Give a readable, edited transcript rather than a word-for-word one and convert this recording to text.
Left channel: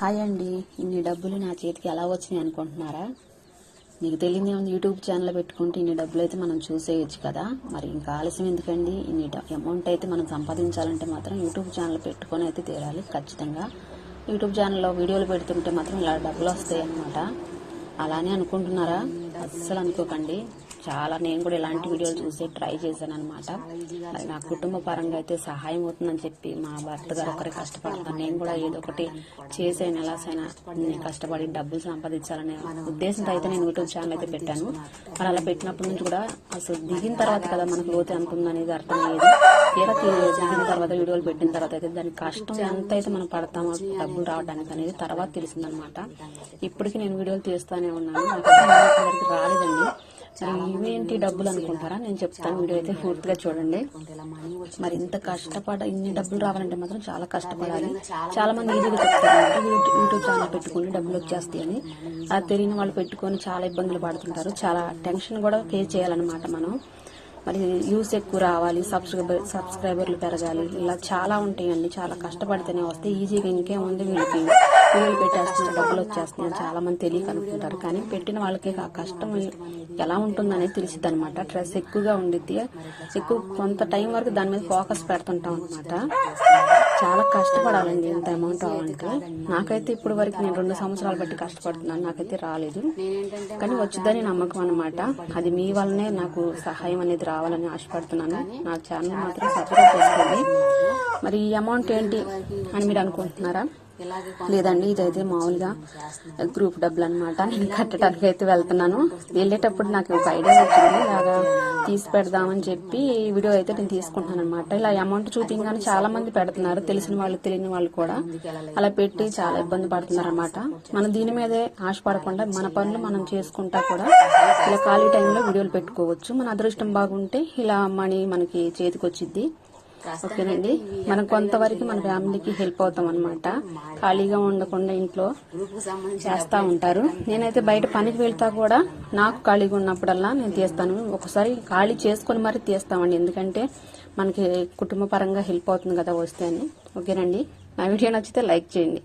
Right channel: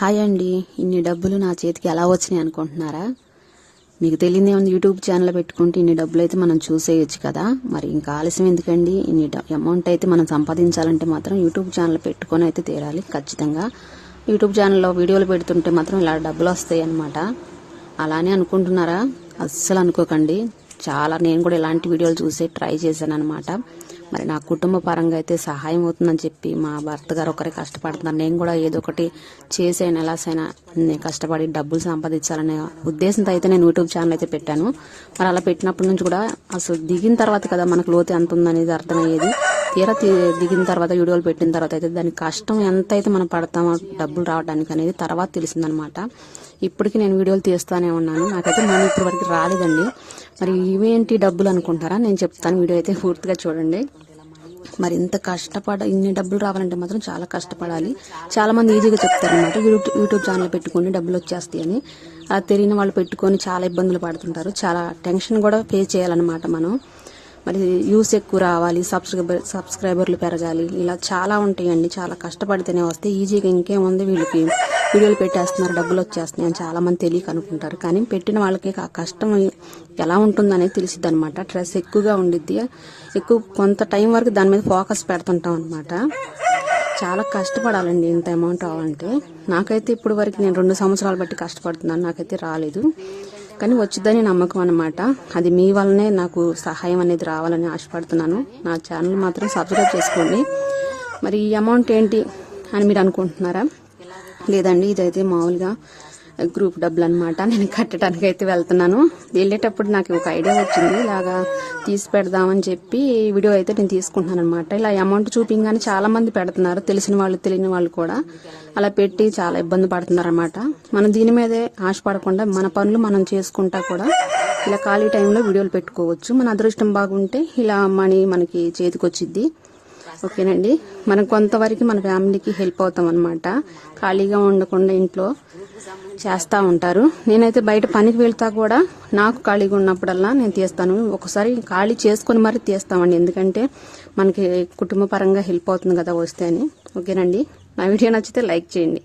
Hi అండి, ఇన్ని డబ్బులు నా చేతికి ఎలా వచ్చినాయి అనుకుంటున్నారా? మీకు తెలియదే ఉంది, యూట్యూబ్ ఛానల్ పెట్టుకుంటే ఇన్ని డబ్బులు అయితే మనం చూసేయచ్చు కదా. మరి ఇంకా ఆలస్యం ఎందుకండి? ఇన్ని అమౌంట్ అయితే మనం సంపాదించాలంటే మాత్రం యూట్యూబ్ ఛానల్ పెట్టుకొని అయితే తీరాలి ఖచ్చితంగా. యూట్యూబ్ ఛానల్లో వీడియోలు పెడుతుంటే మాత్రం ఇలా డబ్బులు వస్తాయి అన్నమాట. అలానే అనుకుంటున్నారా? అస్సలు అనుకోకండి. నేను కూడా ఇలాంటి వీడియోలు చూసి ట్రై చేశాను అనమాట. మరి నా కుటుంబ పరంగా అయితే సహాయం అవుతుందని చెప్పి మా భర్త గారు ఒకరే కష్టపడుతున్నారు. నేను కూడా ఏదో ఒకటి చేసైనా ఎలాసైనా కష్టపడి డబ్బులు సంపాదించాలనే ఉద్దేశంతో అయితే నేను యూట్యూబ్ ఛానల్ అయితే పెట్టాను. మరి అలా పెట్టినప్పటి నుంచి కూడా అసలు దిగిన తర్వాత కదా మనకు లోతు ఎంత ఉందనేది అర్థమయ్యేది. తీరా దిగిన తర్వాత వీడియోలు పెట్టిన తర్వాత అయితే దాని కష్టం ఎంత అయితే మనం పడతామో డబ్బులు రావడానికి అనేది తర్వాత తెలిసిందనమాట. ఇప్పటికీ నేను వీడియోలు తీస్తానే ఉన్నాను. నాకైతే మనీ ఇప్పటి వరకు రాలేదండి. మరి ఇవేంటి డబ్బులు అనుకుంటారా? నేను చెప్తాను, వీడియో అయితే పూర్తిగా చూడండి. మరి ఇంత ఇన్ని డబ్బులు రావాలంటే మాత్రం చాలా కష్టపడాలి. చాలా మంది ఈజీగా చెప్తారు అనమాట, యూట్యూబ్ ఛానల్ పెట్టుకుని డబ్బులు వచ్చేస్తాయి అని. అలా తెలియని వాళ్ళు పెట్టుకొని చాలా ఇబ్బందులు పడుతుంటారు. చాలా టెన్షన్ కూడా ఫేస్ చేయాలన్నమాట మనం. మరి వ్యూస్ ఎక్కువ రావాలి, సబ్స్క్రైబర్లు పెరగాలి, ఇలా చాలా ఉంటాయండి. చాలా కష్టపడితేనే వస్తాయి. ఈజీగా ఇంకేముంది, వీళ్ళకి వీడియోలు పెట్టేస్తున్నారు డబ్బులు వచ్చేస్తున్నాయి అని చాలా మంది తెలియక అనుకుంటారు. కానీ పెట్టిన వాళ్ళకి ఆ కష్టం ఎలా ఉంటుందనేది తెలిసిద్ది అనమాట. స్ట్రెస్ ఎక్కువగా ఉండిద్ది. కొంత టైం వరకు దాని మీద ఫోకస్ పెడుతుంటాం అనమాట. చాలా కష్టపడాలండి ఇంత అమౌంట్ రావాలంటే. నాకైతే ఇప్పుడు వరకు నేను 2 సంవత్సరాలు బట్టి కష్టపడుతున్నాను, నాకైతే రాలేదు. కానీ వచ్చిద్దని నమ్మకం అనమాట. అది మీ వల్లనే నాకు సహాయం అనేది రావాలని ఆశపడుతున్నాను. నా ఛానల్ మాత్రం సబ్స్క్రైబ్ చేసుకోండి. మరి ఈ అమౌంట్ ఏంటి అని మీరు అనుకుంటున్నారా? లేదండి, ఇదైతే మామూలుగా గ్రూప్ డబ్బులు అనమాట. నేను కట్టడానికి అయితే వెళ్తున్నాను. వెళ్ళేటప్పుడు నాకు ఒక ఐడియా వచ్చింది, ఇలాగా తీసి పెడదామని చెప్పి వీడియో అయితే నేను తీసుకుంటున్నాను అనమాట. ఇలా అమౌంట్ చూపించగానే చాలా మంది పెడుతున్నారు, తెలిసిన వాళ్ళు తెలియని వాళ్ళు కూడా. అలా పెట్టి చాలా ఇబ్బంది పడుతున్నారు అనమాట. మనం దీని మీదే ఆశపడకుండా మన పనులు మనం చేసుకుంటా కూడా ఇలా ఖాళీ టైంలో వీడియోలు పెట్టుకోవచ్చు. మన అదృష్టం బాగుంటే ఇలా మనీ మనకి చేతికి వచ్చిద్ది. ఓకేనండి, మనం కొంతవరకు మన ఫ్యామిలీకి హెల్ప్ అవుతాం అనమాట. ఖాళీగా ఉండకుండా ఇంట్లో చేస్తూ ఉంటారు. నేనైతే బయట పనికి వెళ్తా కూడా నాకు ఖాళీగా ఉన్నప్పుడల్లా నేను తీస్తాను. ఒకసారి ఖాళీ చేసుకుని మరీ తీస్తామండి, ఎందుకంటే మనకి కుటుంబ పరంగా హెల్ప్ అవుతుంది కదా వస్తే అని. ఓకేనండి, నా వీడియో నచ్చితే లైక్ చేయండి.